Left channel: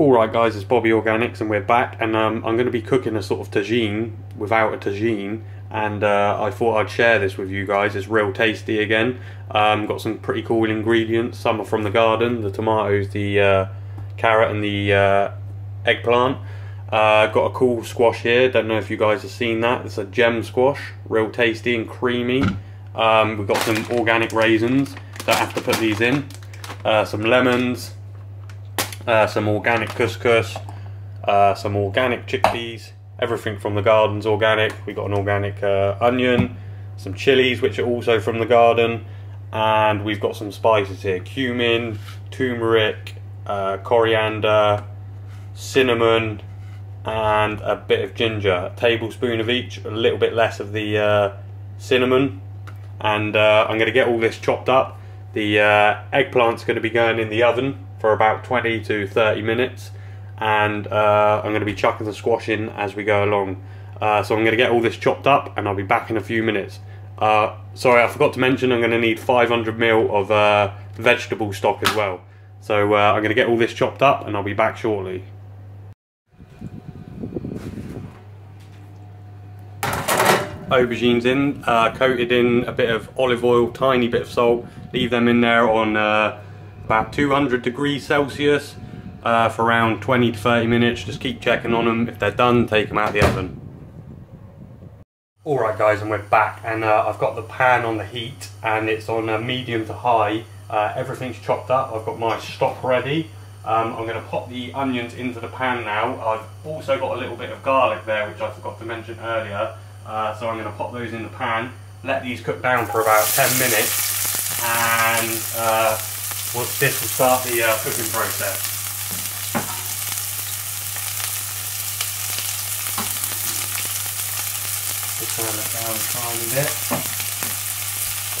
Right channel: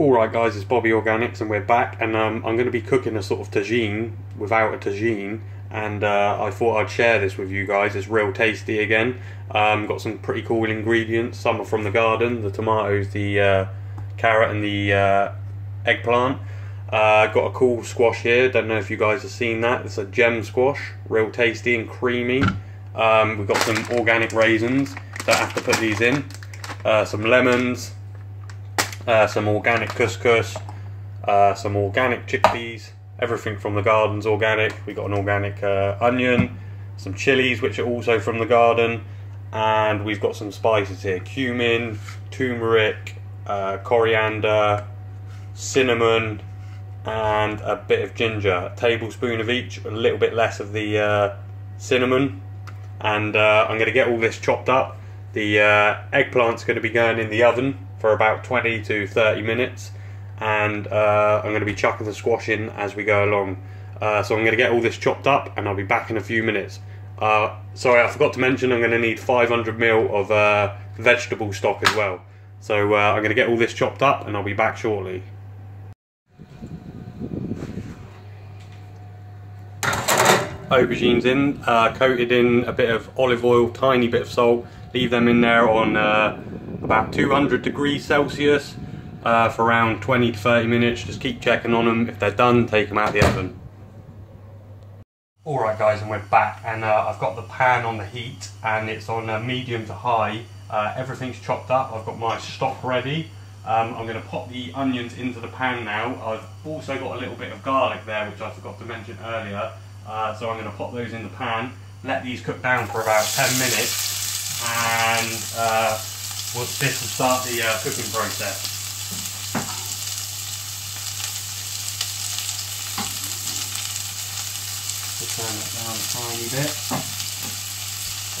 Alright guys, it's Bobby Organics and we're back, and I'm going to be cooking a sort of tagine without a tagine, and I thought I'd share this with you guys. It's real tasty again. Got some pretty cool ingredients. Some are from the garden, the tomatoes, the carrot and the eggplant. Got a cool squash here, don't know if you guys have seen that. It's a gem squash, real tasty and creamy. We've got some organic raisins, don't have to put these in. Some lemons. Some organic couscous, some organic chickpeas, everything from the garden's organic. We've got an organic onion, some chillies which are also from the garden, and we've got some spices here: cumin, tumeric, coriander, cinnamon, and a bit of ginger. A tablespoon of each, a little bit less of the cinnamon. And I'm going to get all this chopped up. The eggplant's going to be going in the oven for about 20 to 30 minutes, and I'm going to be chucking the squash in as we go along. So I'm going to get all this chopped up and I'll be back in a few minutes. Sorry, I forgot to mention I'm going to need 500 ml of vegetable stock as well. So I'm going to get all this chopped up and I'll be back shortly. Aubergines in, coated in a bit of olive oil, tiny bit of salt. Leave them in there on about 200 degrees Celsius for around 20 to 30 minutes. Just keep checking on them. If they're done, take them out of the oven. Alright guys, and we're back, and I've got the pan on the heat and it's on medium to high. Everything's chopped up. I've got my stock ready. I'm going to pop the onions into the pan now. I've also got a little bit of garlic there which I forgot to mention earlier. So I'm going to pop those in the pan, let these cook down for about 10 minutes, and this will start the cooking process. Just turn that down a tiny bit.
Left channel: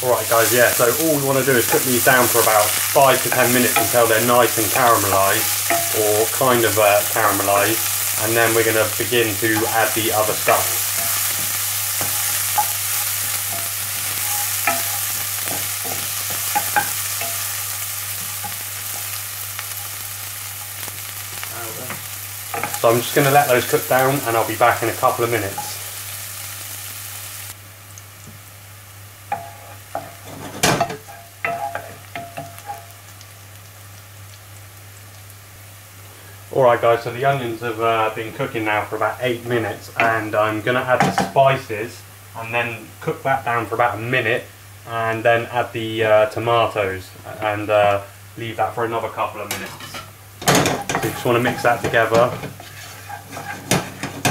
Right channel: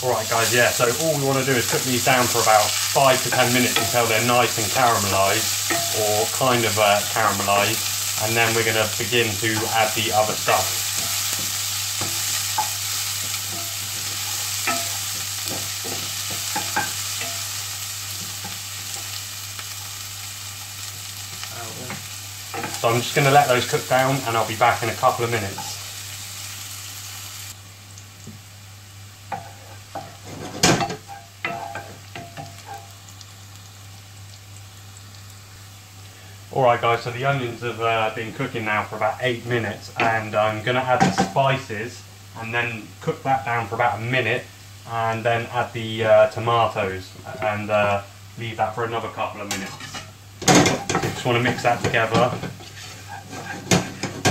Alright guys, yeah, so all we want to do is cook these down for about 5 to 10 minutes until they're nice and caramelised, or kind of caramelised, and then we're going to begin to add the other stuff. So I'm just going to let those cook down and I'll be back in a couple of minutes. Alright guys, so the onions have been cooking now for about 8 minutes, and I'm going to add the spices and then cook that down for about a minute, and then add the tomatoes and leave that for another couple of minutes. So you just want to mix that together.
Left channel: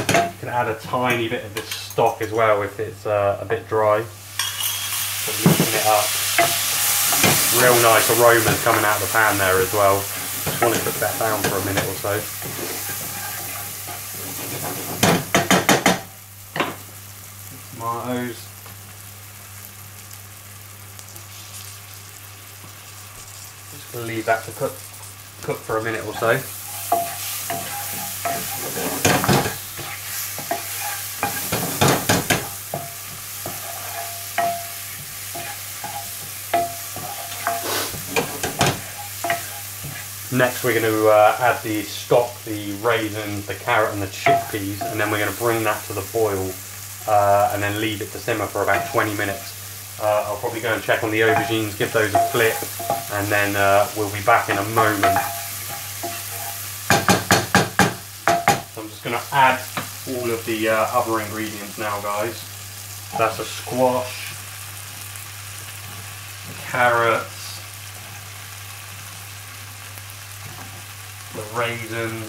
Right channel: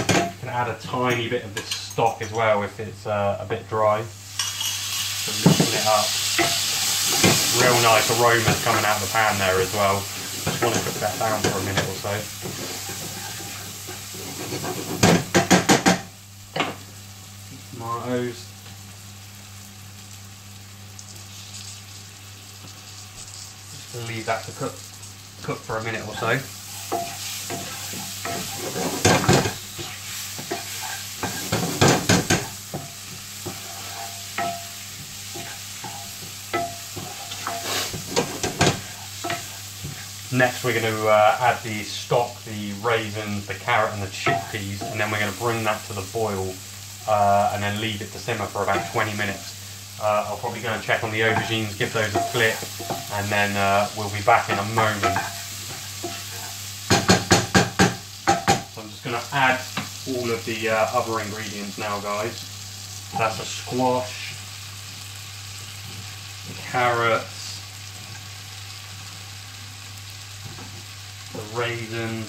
You can add a tiny bit of the stock as well if it's a bit dry. So mixing it up. Real nice aromas coming out of the pan there as well. Just want to cook that down for a minute or so. Tomatoes. Just going to leave that to cook for a minute or so. Next we're going to add the stock, the raisins, the carrot and the chickpeas, and then we're going to bring that to the boil and then leave it to simmer for about 20 minutes. I'll probably go and check on the aubergines, give those a flip, and then we'll be back in a moment. So I'm just going to add all of the other ingredients now guys. That's a squash, the carrots, the raisins,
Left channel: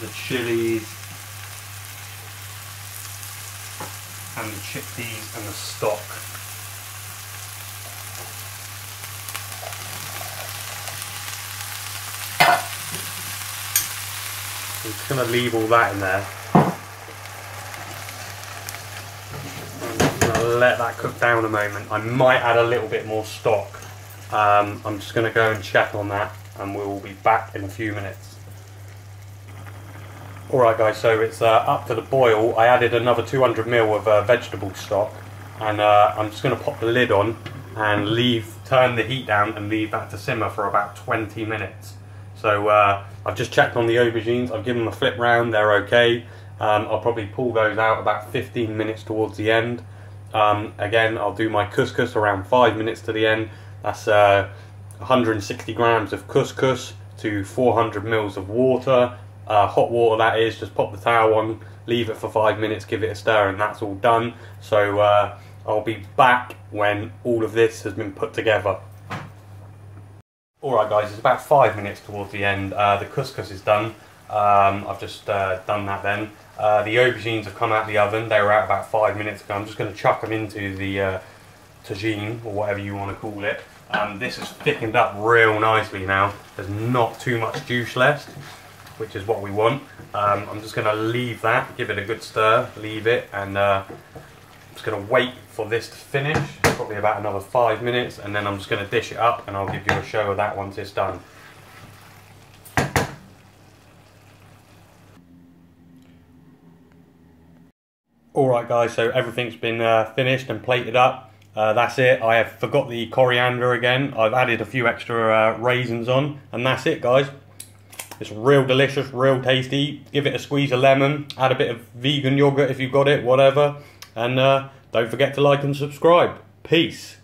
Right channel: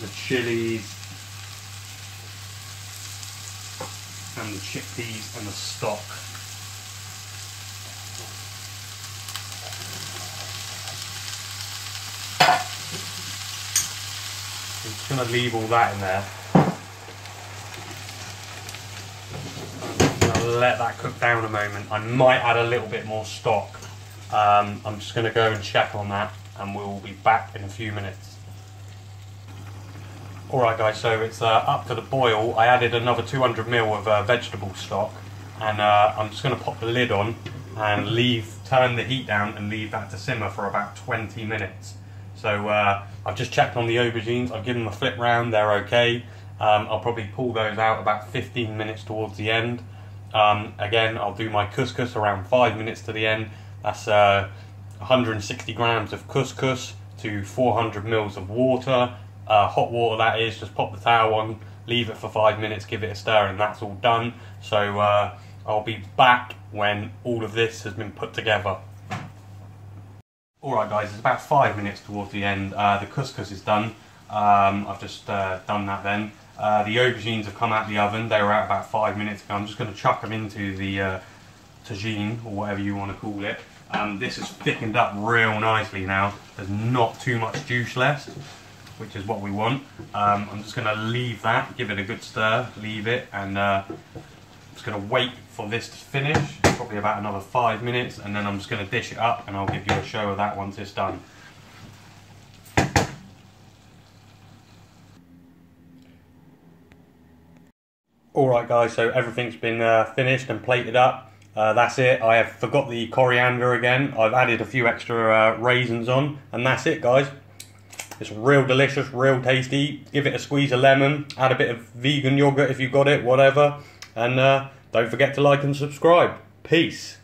the chillies, and the chickpeas and the stock. I'm just going to leave all that in there. I'm going to let that cook down a moment. I might add a little bit more stock. I'm just going to go and check on that and we'll be back in a few minutes. Alright guys, so it's up to the boil. I added another 200 ml of vegetable stock, and I'm just going to pop the lid on and turn the heat down and leave that to simmer for about 20 minutes. So I've just checked on the aubergines, I've given them a flip round, they're okay. I'll probably pull those out about 15 minutes towards the end. Again, I'll do my couscous around 5 minutes to the end. That's 160 grams of couscous to 400 mils of water, hot water that is. Just pop the towel on, leave it for 5 minutes, give it a stir, and that's all done. So I'll be back when all of this has been put together. Alright guys, it's about 5 minutes towards the end. The couscous is done. I've just done that then. The aubergines have come out of the oven. They were out about 5 minutes ago. I'm just going to chuck them into the tagine, or whatever you want to call it. This has thickened up real nicely now. There's not too much juice left, which is what we want. I'm just going to leave that, give it a good stir, leave it, and I'm just going to wait for this to finish, probably about another 5 minutes, and then I'm just going to dish it up and I'll give you a show of that once it's done. Alright guys, so everything's been finished and plated up. That's it. I have forgot the coriander again. I've added a few extra raisins on, and that's it guys. It's real delicious, real tasty. Give it a squeeze of lemon, add a bit of vegan yogurt if you've got it, whatever. And don't forget to like and subscribe. Peace.